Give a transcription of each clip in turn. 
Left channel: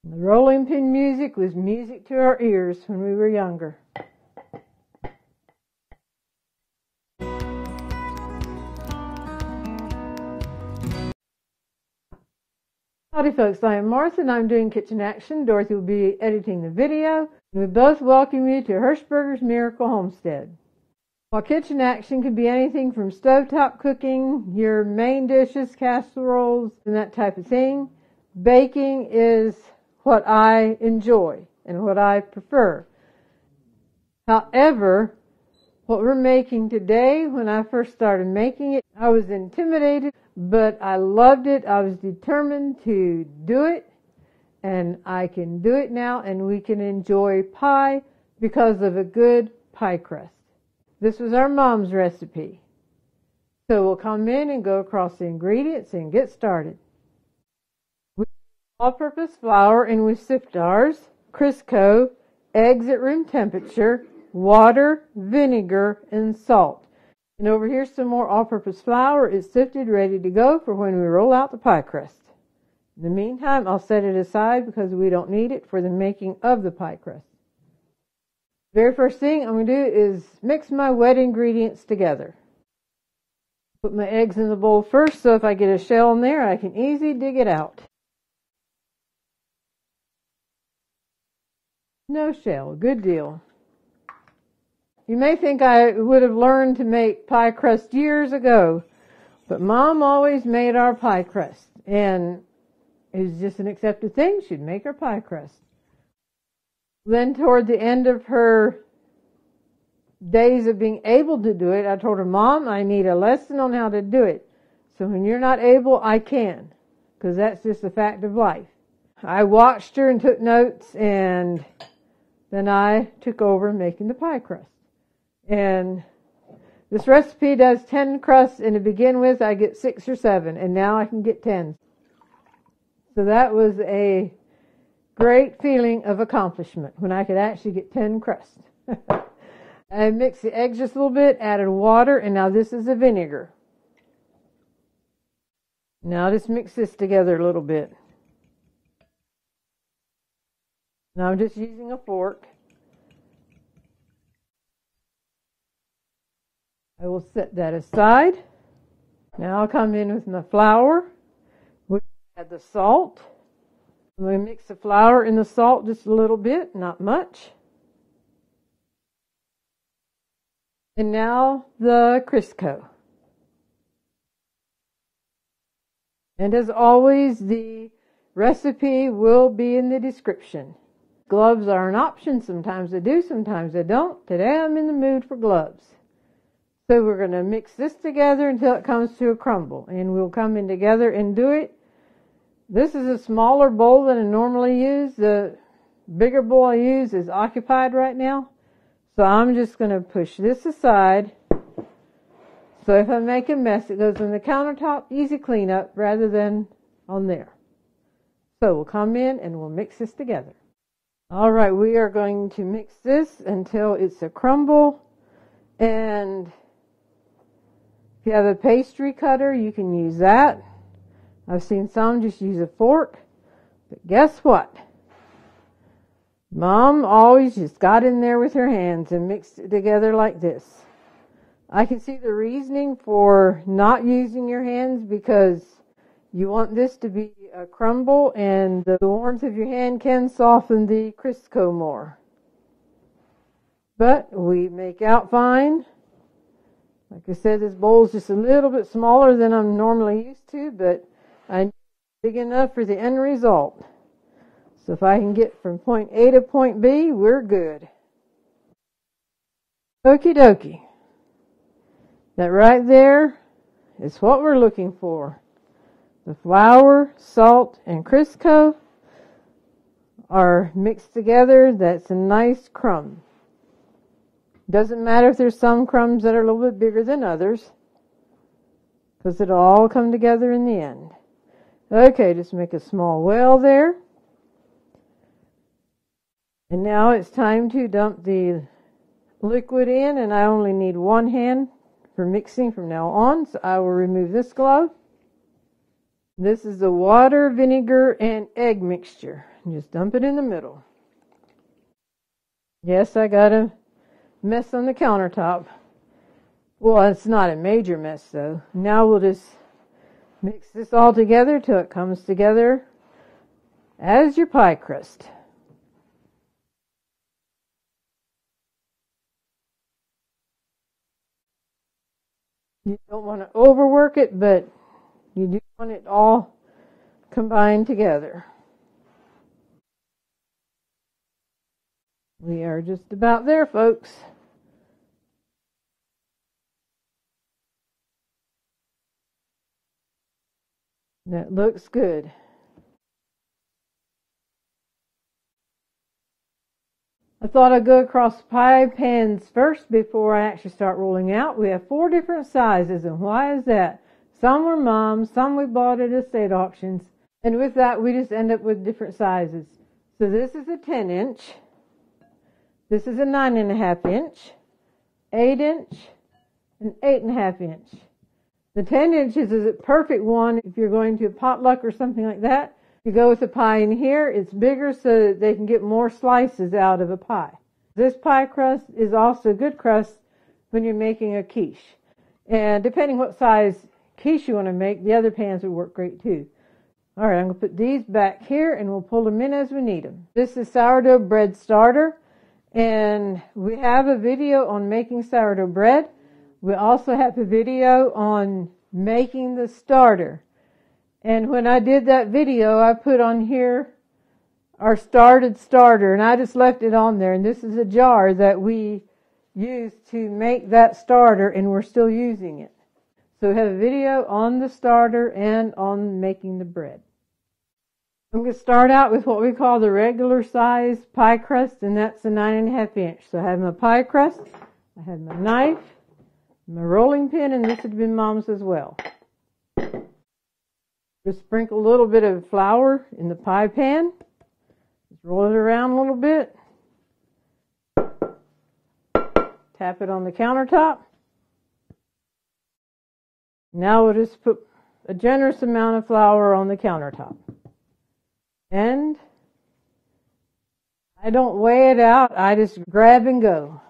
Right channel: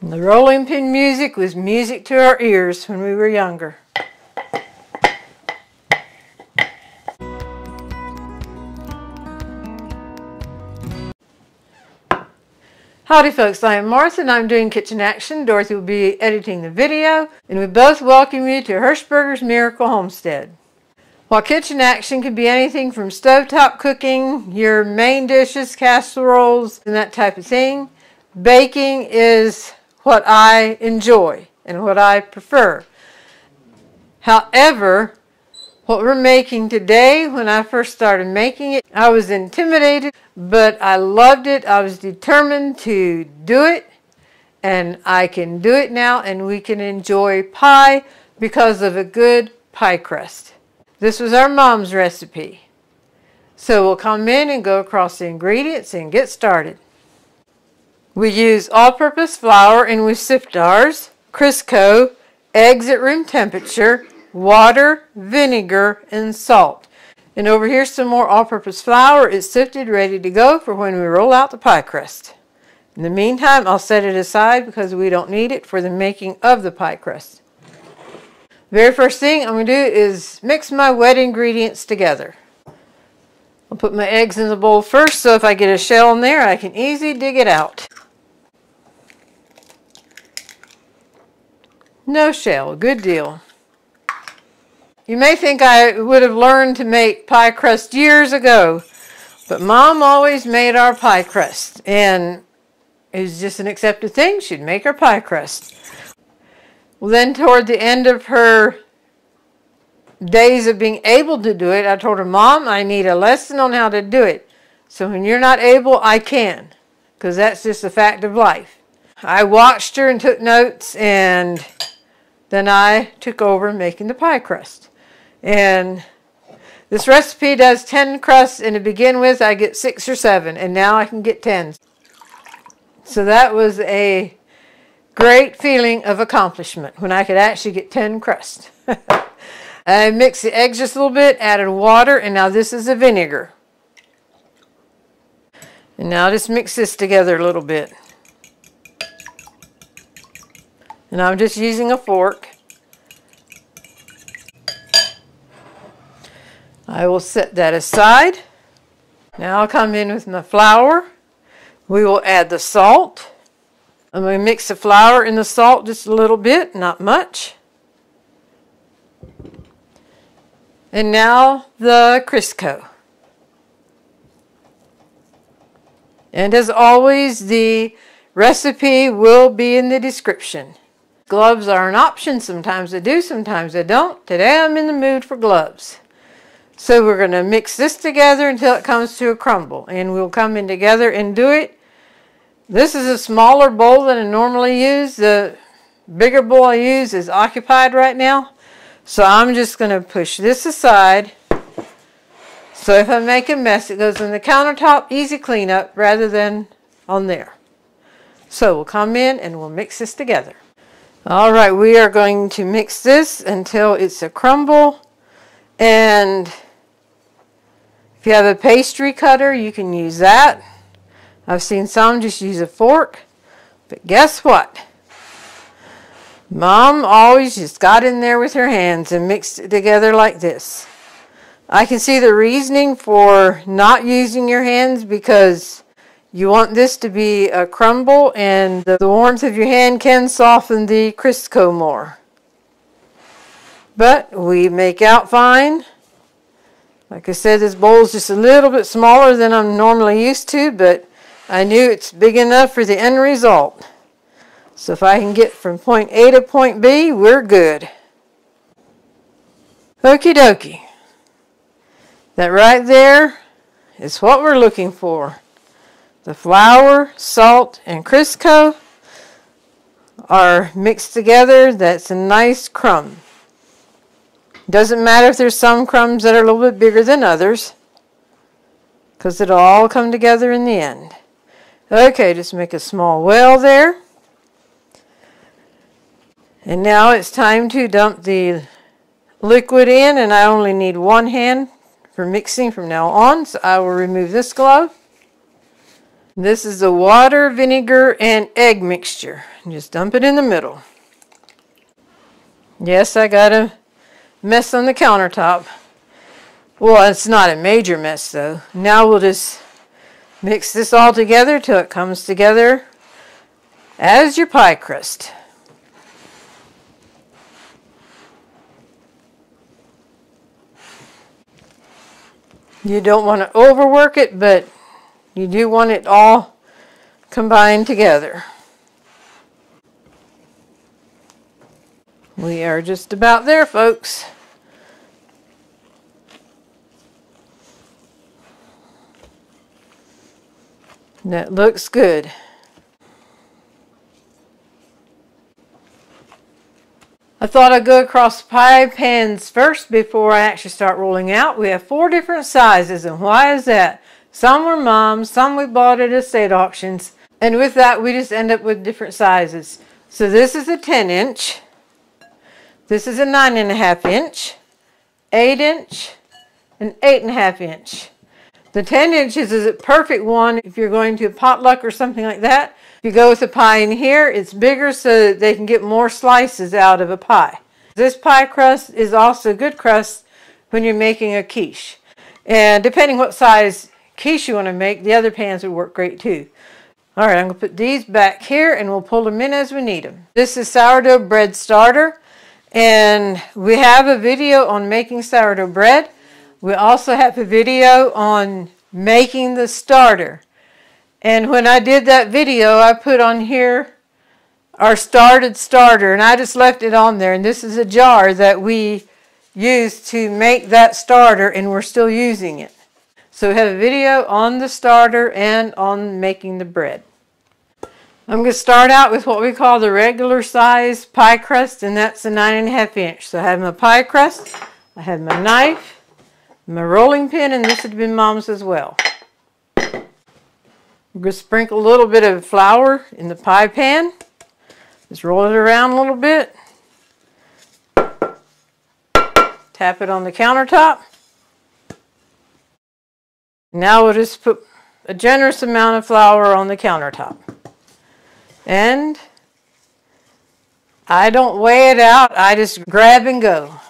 And the rolling pin music was music to our ears when we were younger. Howdy folks, I am Martha and I'm doing Kitchen Action. Dorothy will be editing the video, and we both welcome you to Hirschberger's Miracle Homestead. While kitchen action can be anything from stovetop cooking, your main dishes, casseroles, and that type of thing, baking is what I enjoy and what I prefer. However, what we're making today, when I first started making it, I was intimidated, but I loved it. I was determined to do it, and I can do it now, and we can enjoy pie because of a good pie crust. This was our mom's recipe. So we'll come in and go across the ingredients and get started. We use all-purpose flour, and we sift ours, Crisco, eggs at room temperature, water, vinegar, and salt. And over here some more all-purpose flour is sifted, ready to go for when we roll out the pie crust. In the meantime, I'll set it aside because we don't need it for the making of the pie crust. Very first thing I'm going to do is mix my wet ingredients together. I'll put my eggs in the bowl first, so if I get a shell in there, I can easily dig it out. No shell, good deal. You may think I would have learned to make pie crust years ago, but Mom always made our pie crust, and it was just an accepted thing. She'd make our pie crust. Well, then toward the end of her days of being able to do it, I told her, Mom, I need a lesson on how to do it. So when you're not able, I can, because that's just a fact of life. I watched her and took notes, and then I took over making the pie crust. And this recipe does 10 crusts, and to begin with I get 6 or 7, and now I can get 10. So that was a great feeling of accomplishment when I could actually get 10 crusts. I mixed the eggs just a little bit, added water, and now this is the vinegar. And now just mix this together a little bit. And I'm just using a fork. I will set that aside. Now I'll come in with my flour. We will add the salt. I'm going to mix the flour and the salt just a little bit, not much. And now the Crisco. And as always, the recipe will be in the description. Gloves are an option. Sometimes I do, sometimes I don't. Today I'm in the mood for gloves. So we're going to mix this together until it comes to a crumble. And we'll come in together and do it. This is a smaller bowl than I normally use. The bigger bowl I use is occupied right now. So I'm just going to push this aside. So if I make a mess, it goes on the countertop, easy cleanup, rather than on there. So we'll come in and we'll mix this together. All right, we are going to mix this until it's a crumble. And if you have a pastry cutter, you can use that. I've seen some just use a fork. But guess what? Mom always just got in there with her hands and mixed it together like this. I can see the reasoning for not using your hands, because you want this to be a crumble, and the warmth of your hand can soften the Crisco more. But we make out fine. Like I said, this bowl is just a little bit smaller than I'm normally used to, but I knew it's big enough for the end result. So if I can get from point A to point B, we're good. Okie dokie. That right there is what we're looking for. The flour, salt, and Crisco are mixed together. That's a nice crumb. Doesn't matter if there's some crumbs that are a little bit bigger than others, because it'll all come together in the end. Okay, just make a small well there. And now it's time to dump the liquid in, and I only need one hand for mixing from now on, so I will remove this glove. This is the water, vinegar, and egg mixture. Just dump it in the middle. Yes, I got a mess on the countertop. Well, it's not a major mess though. Now we'll just mix this all together till it comes together as your pie crust. You don't want to overwork it, but you do want it all combined together. We are just about there, folks. That looks good. I thought I'd go across the pie pans first before I actually start rolling out. We have 4 different sizes, and why is that? Some were Mom's, some we bought at estate auctions, and with that we just end up with different sizes. So this is a 10-inch, this is a 9.5 inch, 8 inch, and 8.5 inch. The 10 inches is a perfect one if you're going to a potluck or something like that. If you go with the pie in here, it's bigger so that they can get more slices out of a pie. This pie crust is also a good crust when you're making a quiche. And depending what size quiche you want to make, the other pans would work great too. All right, I'm going to put these back here and we'll pull them in as we need them. This is sourdough bread starter, and we have a video on making sourdough bread. We also have a video on making the starter. And when I did that video, I put on here our started starter, and I just left it on there. And this is a jar that we used to make that starter, and we're still using it. So we have a video on the starter and on making the bread. I'm going to start out with what we call the regular size pie crust, and that's a 9.5 inch. So I have my pie crust, I have my knife, my rolling pin, and this had been Mom's as well. We're going to sprinkle a little bit of flour in the pie pan. Just roll it around a little bit. Tap it on the countertop. Now we'll just put a generous amount of flour on the countertop. And I don't weigh it out, I just grab and go.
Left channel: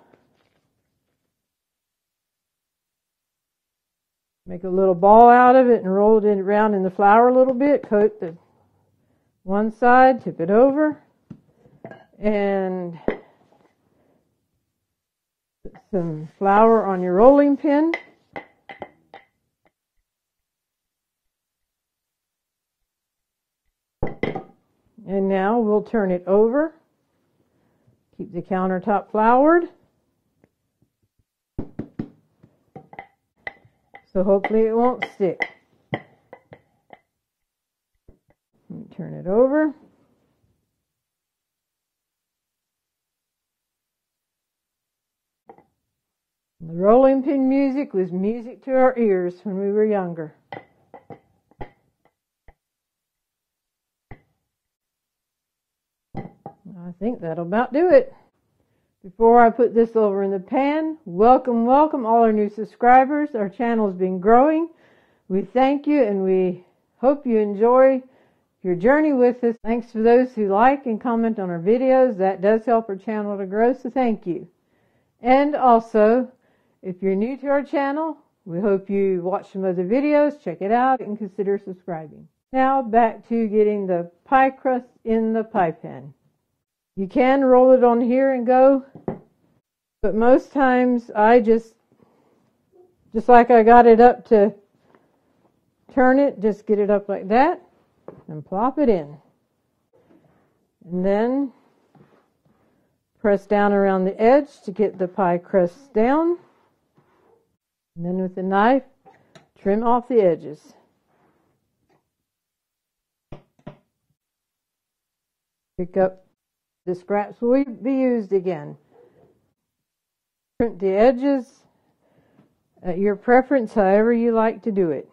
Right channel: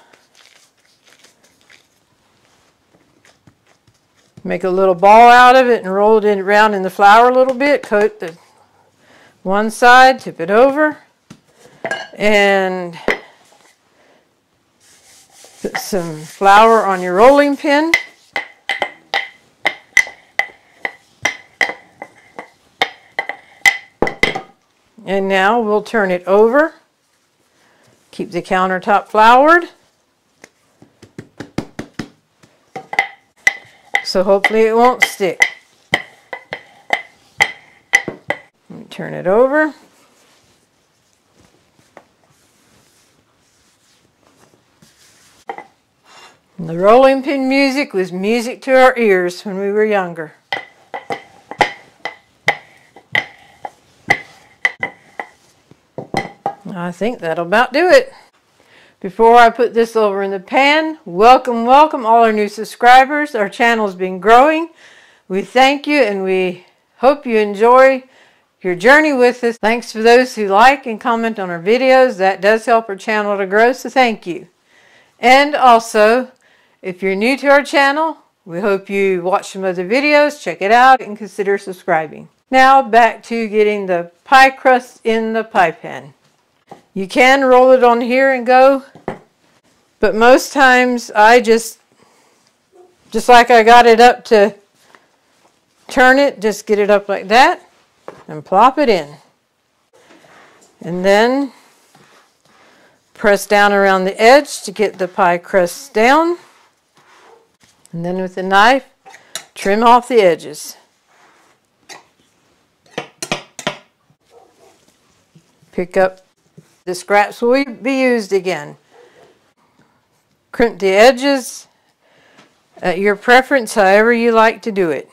Make a little ball out of it and roll it around in the flour a little bit. Coat the one side, tip it over, and put some flour on your rolling pin. And now we'll turn it over. Keep the countertop floured. So hopefully it won't stick. Turn it over. And the rolling pin music was music to our ears when we were younger. I think that'll about do it. Before I put this over in the pan, welcome, welcome all our new subscribers. Our channel's been growing. We thank you and we hope you enjoy your journey with us. Thanks for those who like and comment on our videos. That does help our channel to grow, so thank you. And also, if you're new to our channel, we hope you watch some other videos, check it out, and consider subscribing. Now back to getting the pie crust in the pie pan. You can roll it on here and go, but most times I just like I got it up to turn it, just get it up like that and plop it in. And then press down around the edge to get the pie crust down. And then with the knife, trim off the edges. Pick up the scraps will be used again. Crimp the edges at your preference, however you like to do it.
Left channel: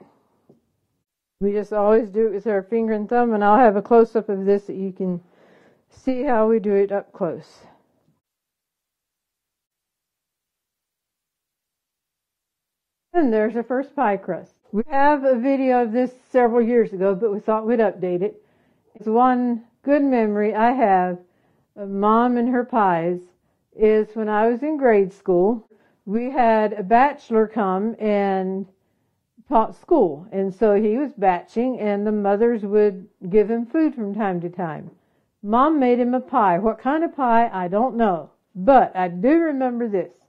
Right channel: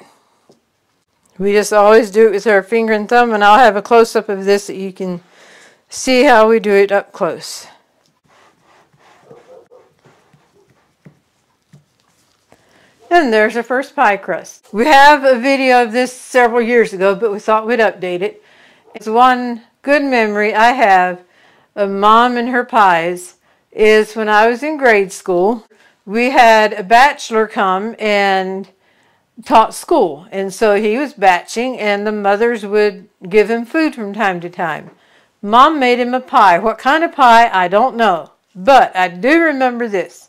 We just always do it with our finger and thumb, and I'll have a close-up of this that you can see how we do it up close. And there's our first pie crust. We have a video of this several years ago, but we thought we'd update it. It's one good memory I have of Mom and her pies is when I was in grade school. We had a bachelor come and taught school, and so he was batching, and the mothers would give him food from time to time. Mom made him a pie. What kind of pie, I don't know, but I do remember this.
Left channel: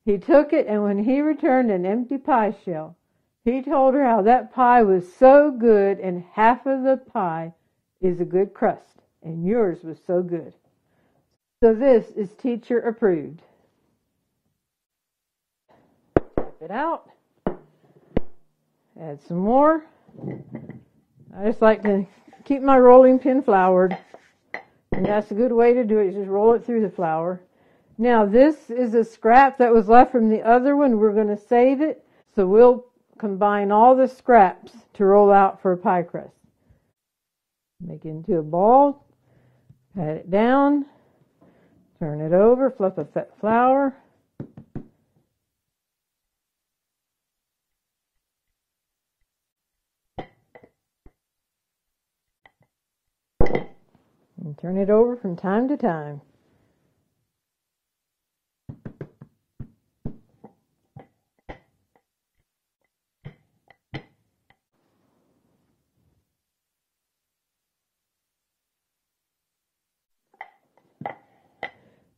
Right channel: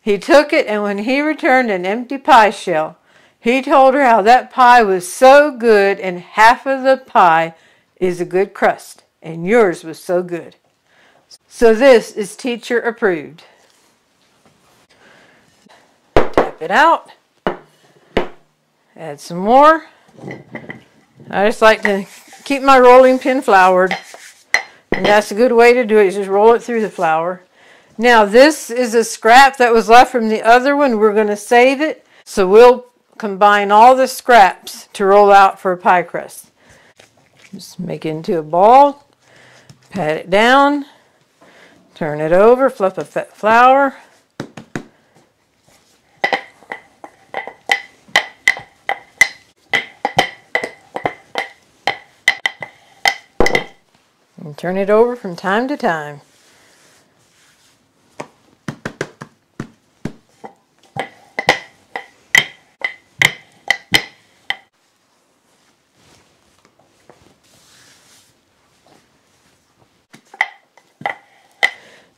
He took it, and when he returned an empty pie shell, he told her how that pie was so good, and half of the pie is a good crust, and yours was so good. So this is teacher approved. Tap it out. Add some more. I just like to keep my rolling pin floured, and that's a good way to do it, is just roll it through the flour. Now this is a scrap that was left from the other one. We're going to save it, so we'll combine all the scraps to roll out for a pie crust. Just make it into a ball, pat it down, turn it over, fluff a flour. And turn it over from time to time.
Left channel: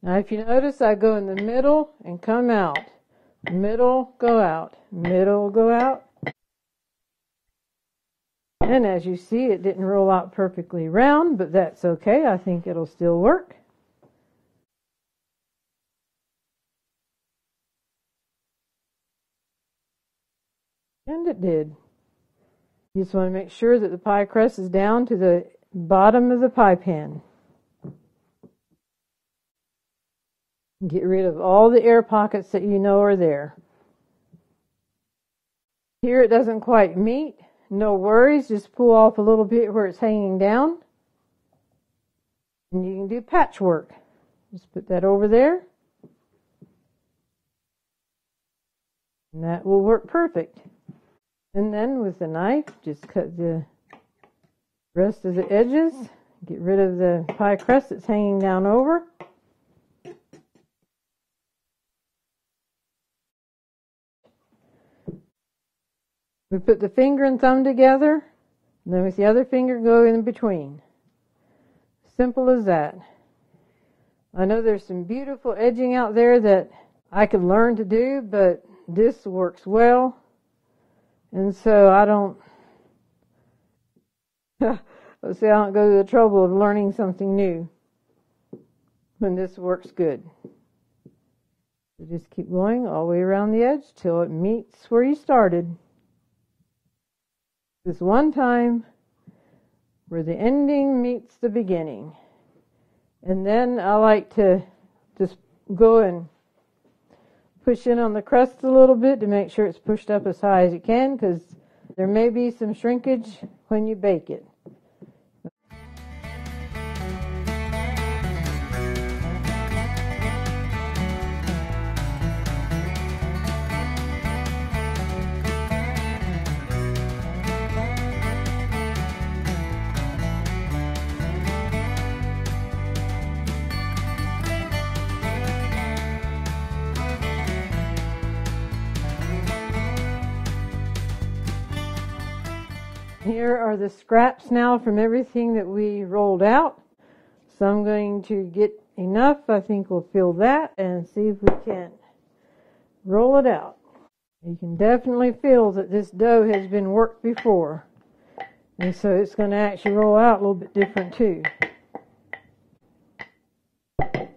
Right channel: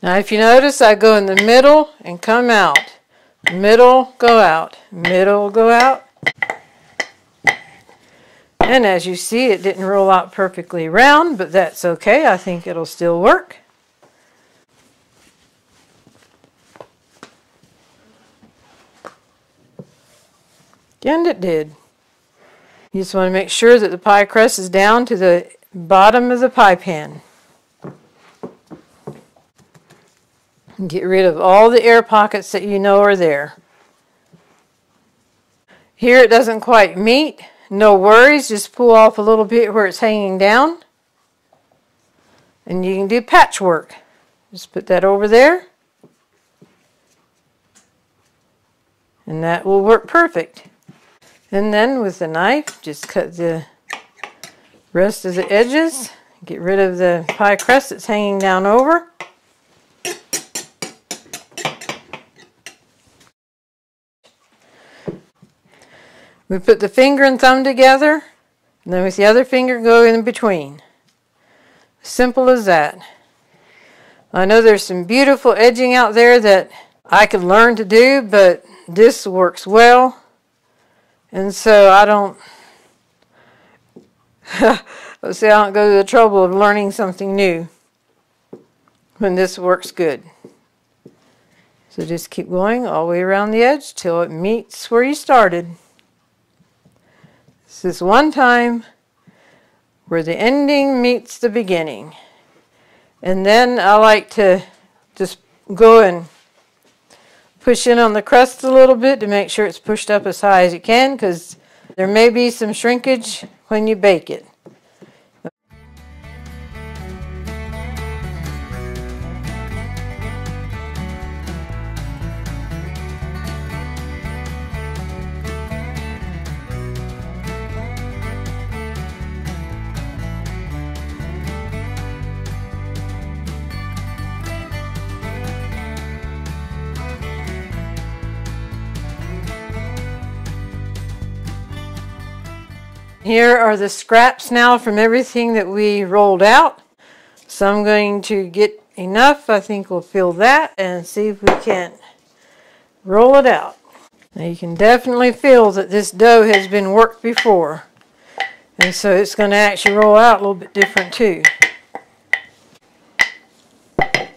Now if you notice, I go in the middle and come out. Middle, go out. Middle, go out. And as you see, it didn't roll out perfectly round, but that's okay. I think it'll still work. And it did. You just want to make sure that the pie crust is down to the bottom of the pie pan. Get rid of all the air pockets that you know are there. Here it doesn't quite meet. No worries, just pull off a little bit where it's hanging down. And you can do patchwork. Just put that over there. And that will work perfect. And then with the knife, just cut the rest of the edges. Get rid of the pie crust that's hanging down over. We put the finger and thumb together, and then with the other finger go in between. Simple as that. I know there's some beautiful edging out there that I could learn to do, but this works well. And so I don't go to the trouble of learning something new when this works good. So just keep going all the way around the edge till it meets where you started. This is one time where the ending meets the beginning. And then I like to just go and push in on the crust a little bit to make sure it's pushed up as high as you can, because there may be some shrinkage when you bake it. Here are the scraps now from everything that we rolled out. So I'm going to get enough. I think we'll fill that and see if we can roll it out. Now you can definitely feel that this dough has been worked before. And so it's going to actually roll out a little bit different too. It's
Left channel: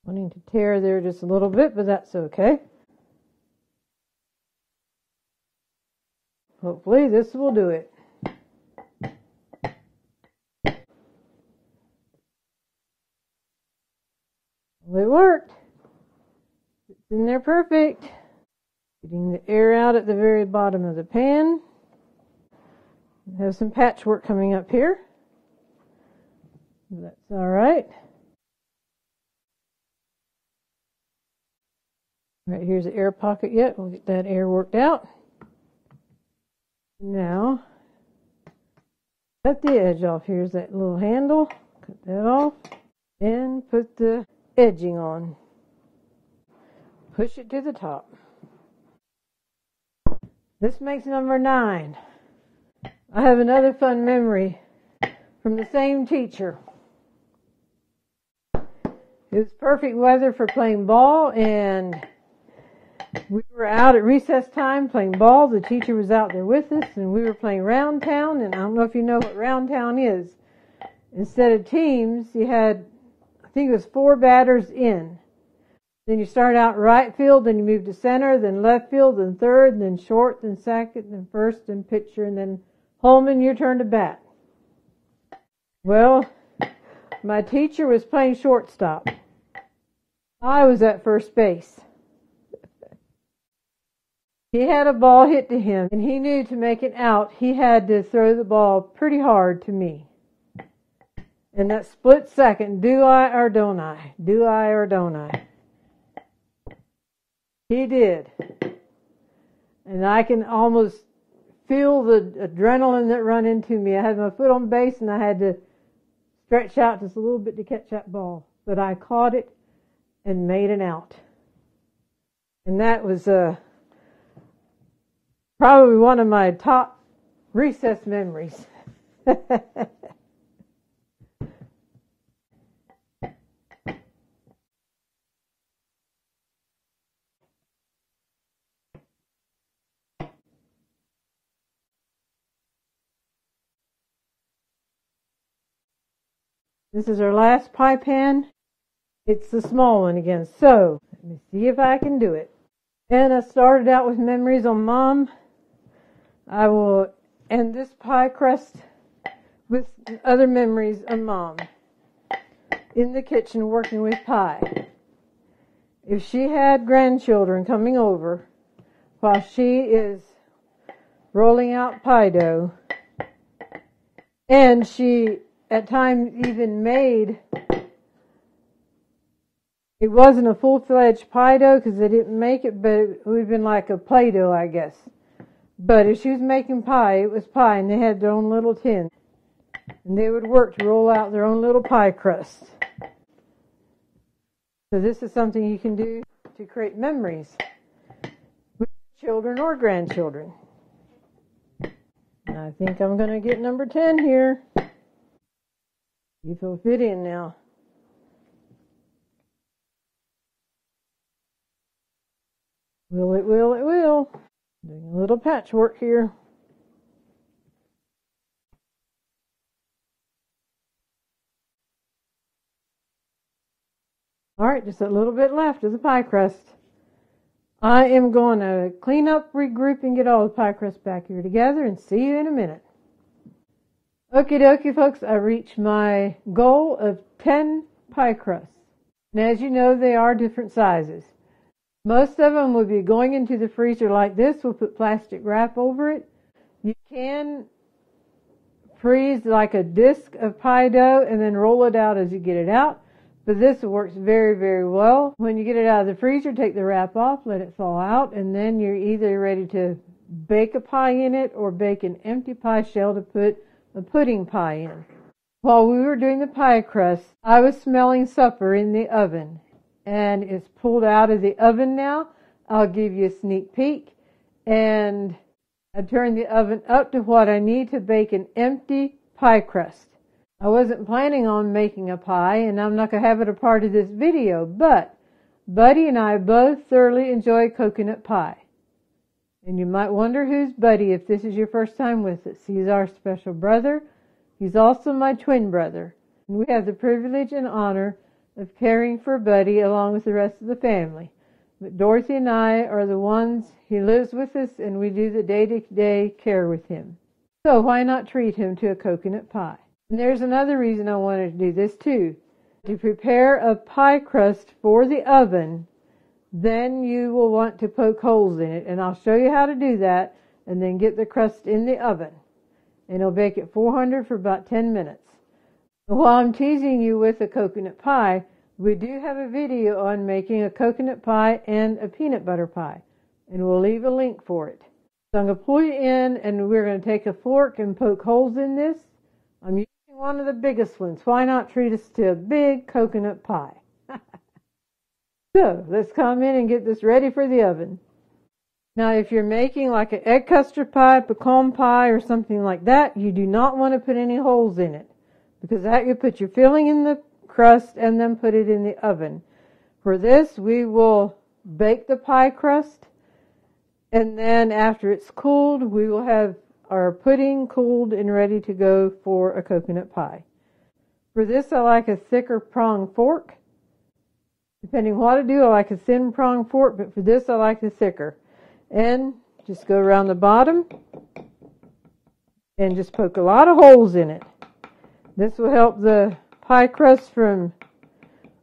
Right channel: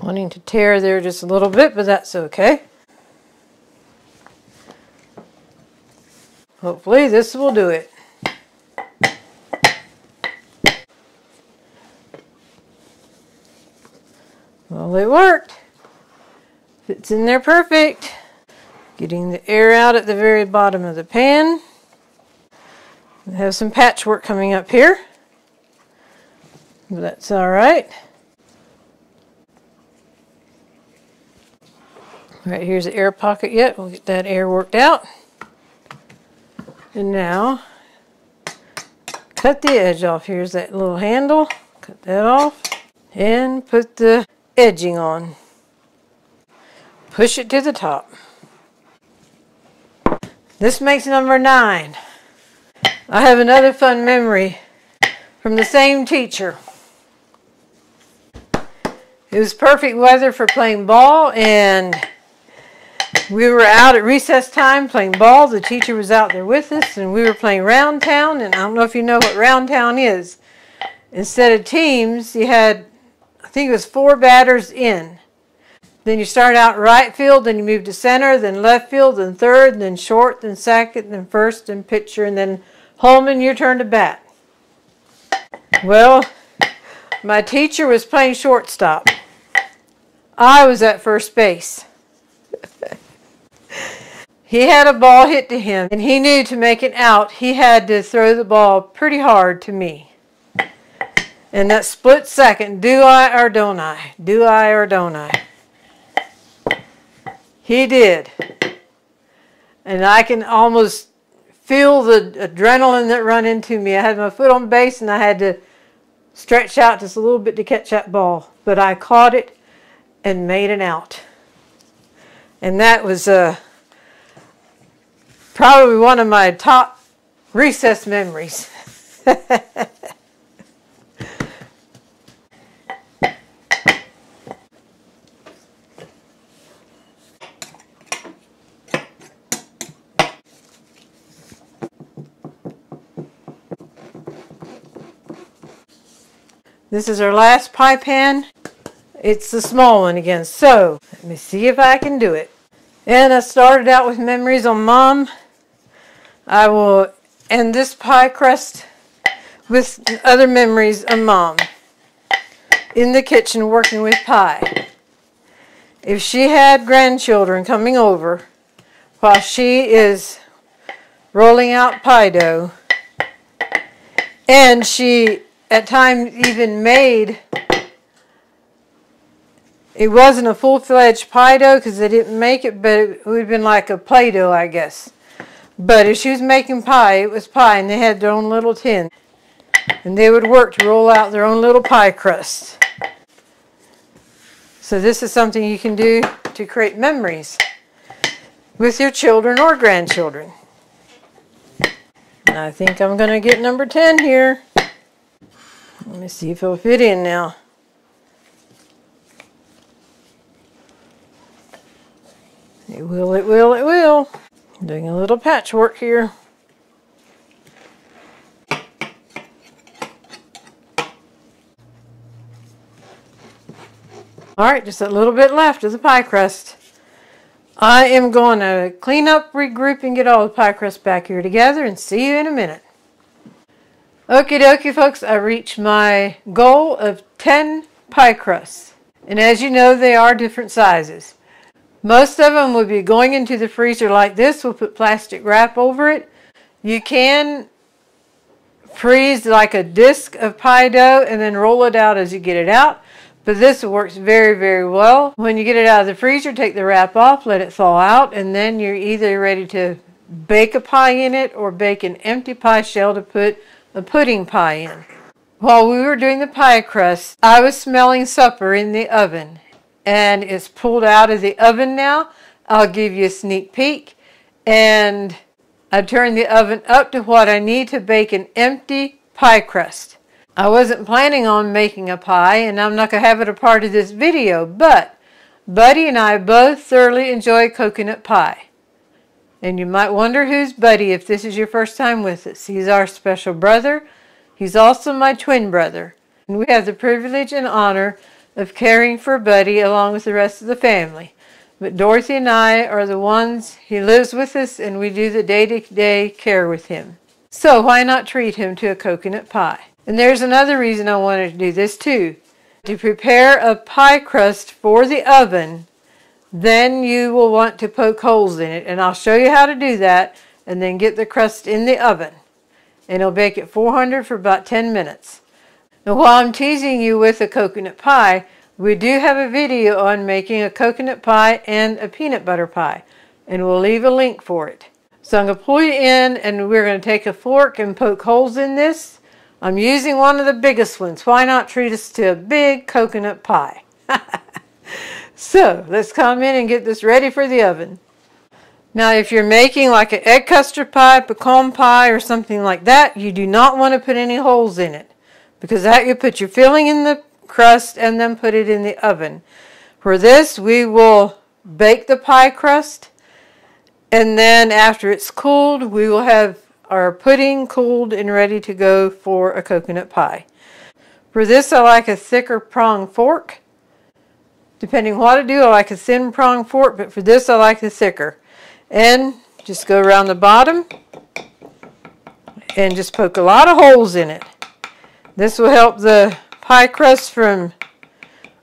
wanting to tear there just a little bit, but that's okay. Hopefully this will do it. Well, it worked. Fits in there perfect. Getting the air out at the very bottom of the pan. We have some patchwork coming up here, but that's all right. Right, here's the air pocket yet. We'll get that air worked out. And now, cut the edge off. Here's that little handle. Cut that off. And put the edging on. Push it to the top. This makes number 9. I have another fun memory from the same teacher. It was perfect weather for playing ball, and we were out at recess time playing ball. The teacher was out there with us, and we were playing round town, and I don't know if you know what round town is. Instead of teams, you had, I think it was 4 batters in. Then you start out right field, then you move to center, then left field, then third, then short, then second, then first, then pitcher, and then home, and your turn to bat. Well, my teacher was playing shortstop. I was at first base. He had a ball hit to him, and he knew to make it out, he had to throw the ball pretty hard to me. And that split second, do I or don't I? Do I or don't I? He did. And I can almost feel the adrenaline that run into me. I had my foot on base, and I had to stretch out just a little bit to catch that ball. But I caught it and made it out. And that was probably one of my top recess memories. This is our last pie pan. It's the small one again. So, let me see if I can do it. And I started out with memories on Mom. I will end this pie crust with other memories of Mom in the kitchen working with pie. If she had grandchildren coming over while she is rolling out pie dough, and she at times even made, it wasn't a full-fledged pie dough because they didn't make it, but it would have been like a Play-Doh, I guess. But if she was making pie, it was pie, and they had their own little tin. And they would work to roll out their own little pie crust. So this is something you can do to create memories with your children or grandchildren. And I think I'm going to get number 10 here. Let me see if it'll fit in now. It will, it will, it will. I'm doing a little patchwork here. Alright, just a little bit left of the pie crust. I am going to clean up, regroup, and get all the pie crust back here together, and see you in a minute. Okie dokie, folks, I reached my goal of 10 pie crusts. And as you know, they are different sizes. Most of them will be going into the freezer like this. We'll put plastic wrap over it. You can freeze like a disc of pie dough and then roll it out as you get it out. But this works very, very well. When you get it out of the freezer, take the wrap off, let it thaw out, and then you're either ready to bake a pie in it or bake an empty pie shell to put a pudding pie in. While we were doing the pie crust, I was smelling supper in the oven, and it's pulled out of the oven now. I'll give you a sneak peek, and I turned the oven up to what I need to bake an empty pie crust. I wasn't planning on making a pie, and I'm not going to have it a part of this video, but Buddy and I both thoroughly enjoy coconut pie. And you might wonder who's Buddy if this is your first time with us. He's our special brother. He's also my twin brother. And we have the privilege and honor of caring for Buddy along with the rest of the family. But Dorothy and I are the ones, he lives with us, and we do the day-to-day care with him. So why not treat him to a coconut pie? And there's another reason I wanted to do this too. To prepare a pie crust for the oven, then you will want to poke holes in it. And I'll show you how to do that, and then get the crust in the oven. And it'll bake at 400 for about 10 minutes. And while I'm teasing you with a coconut pie, We do have a video on making a coconut pie and a peanut butter pie, and we'll leave a link for it. So I'm going to pull you in, and we're going to take a fork and poke holes in this. I'm using one of the biggest ones. Why not treat us to a big coconut pie? So let's come in and get this ready for the oven. Now, if you're making like an egg custard pie, pecan pie, or something like that, you do not want to put any holes in it, because that you put your filling in the crust and then put it in the oven. For this, we will bake the pie crust, and then after it's cooled, we will have our pudding cooled and ready to go for a coconut pie. For this, I like a thicker prong fork. Depending what I do, I like a thin prong fork, but for this, I like the thicker. And just go around the bottom and just poke a lot of holes in it. This will help the pie crust from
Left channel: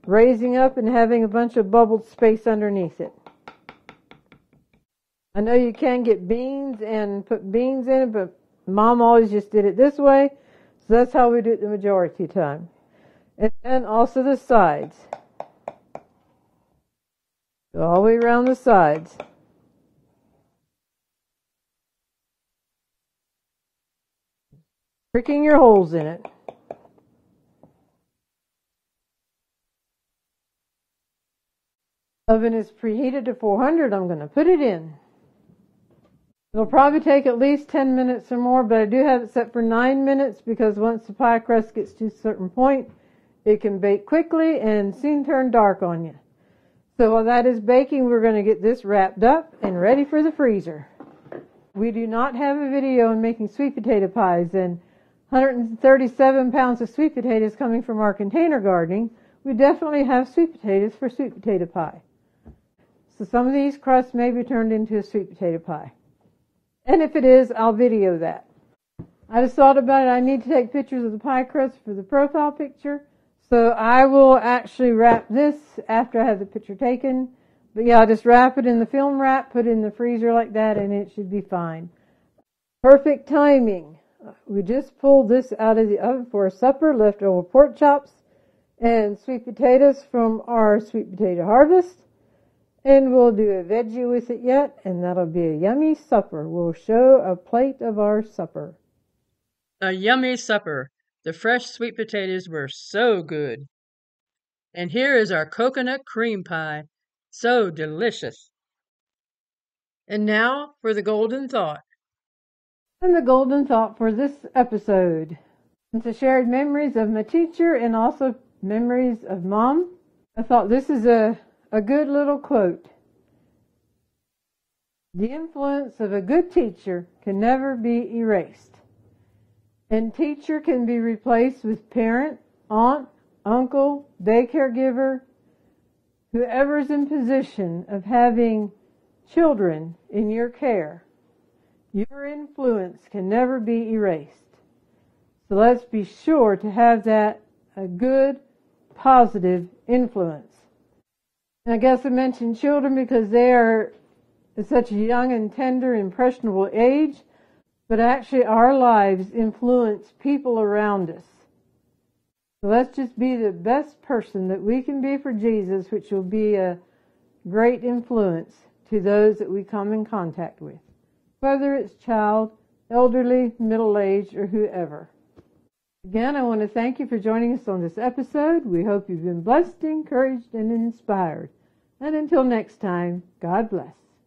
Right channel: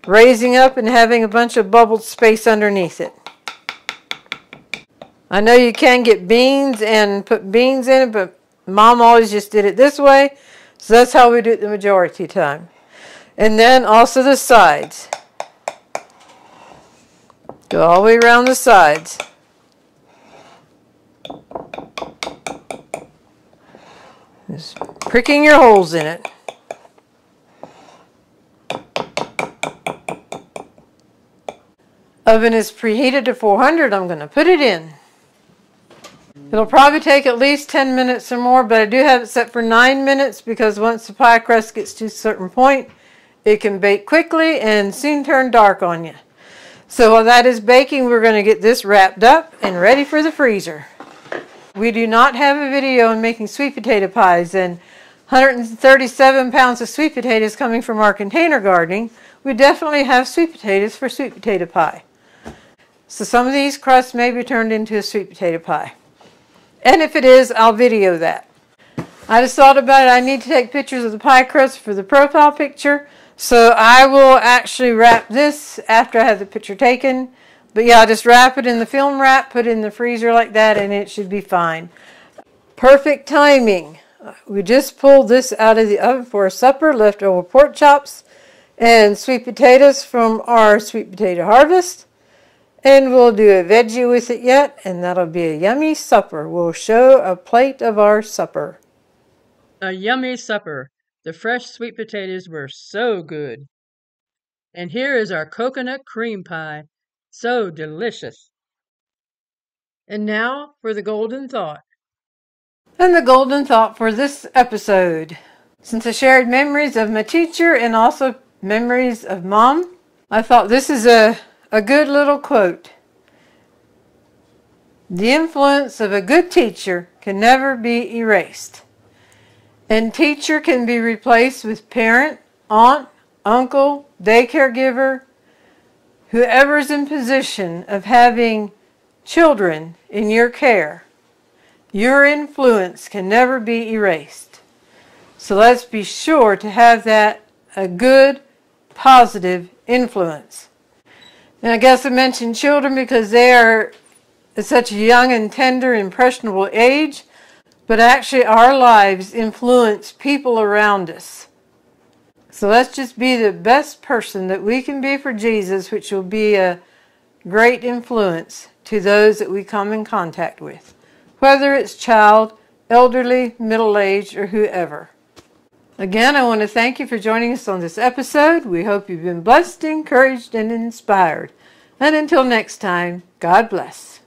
raising up and having a bunch of bubbled space underneath it. I know you can get beans and put beans in it, but Mom always just did it this way, so that's how we do it the majority of the time. And then also the sides. Go all the way around the sides. Just pricking your holes in it. Oven is preheated to 400. I'm going to put it in. It'll probably take at least 10 minutes or more, but I do have it set for 9 minutes because once the pie crust gets to a certain point, it can bake quickly and soon turn dark on you. So while that is baking, we're going to get this wrapped up and ready for the freezer. We do not have a video on making sweet potato pies, and 137 pounds of sweet potatoes coming from our container gardening. We definitely have sweet potatoes for sweet potato pie. So some of these crusts may be turned into a sweet potato pie. And if it is, I'll video that. I just thought about it. I need to take pictures of the pie crust for the profile picture. So I will actually wrap this after I have the picture taken. But yeah, just wrap it in the film wrap, put it in the freezer like that, and it should be fine. Perfect timing. We just pulled this out of the oven for a supper, leftover pork chops and sweet potatoes from our sweet potato harvest. And we'll do a veggie with it yet, and that'll be a yummy supper. We'll show a plate of our supper. A yummy supper. The fresh sweet potatoes were so good. And here is our coconut cream pie. So delicious. And now for the golden thought. And the golden thought for this episode. Since I shared memories of my teacher and also memories of Mom, I thought this is a good little quote. The influence of a good teacher can never be erased. And teacher can be replaced with parent, aunt, uncle, daycare giver, whoever is in position of having children in your care. Your influence can never be erased. So let's be sure to have that a good, positive influence. And I guess I mentioned children because they are at such a young and tender, impressionable age, but actually our lives influence people around us. So let's just be the best person that we can be for Jesus, which will be a great influence to those that we come in contact with, whether it's child, elderly, middle-aged, or whoever. Again, I want to thank you for joining us on this episode. We hope you've been blessed, encouraged, and inspired. And until next time, God bless.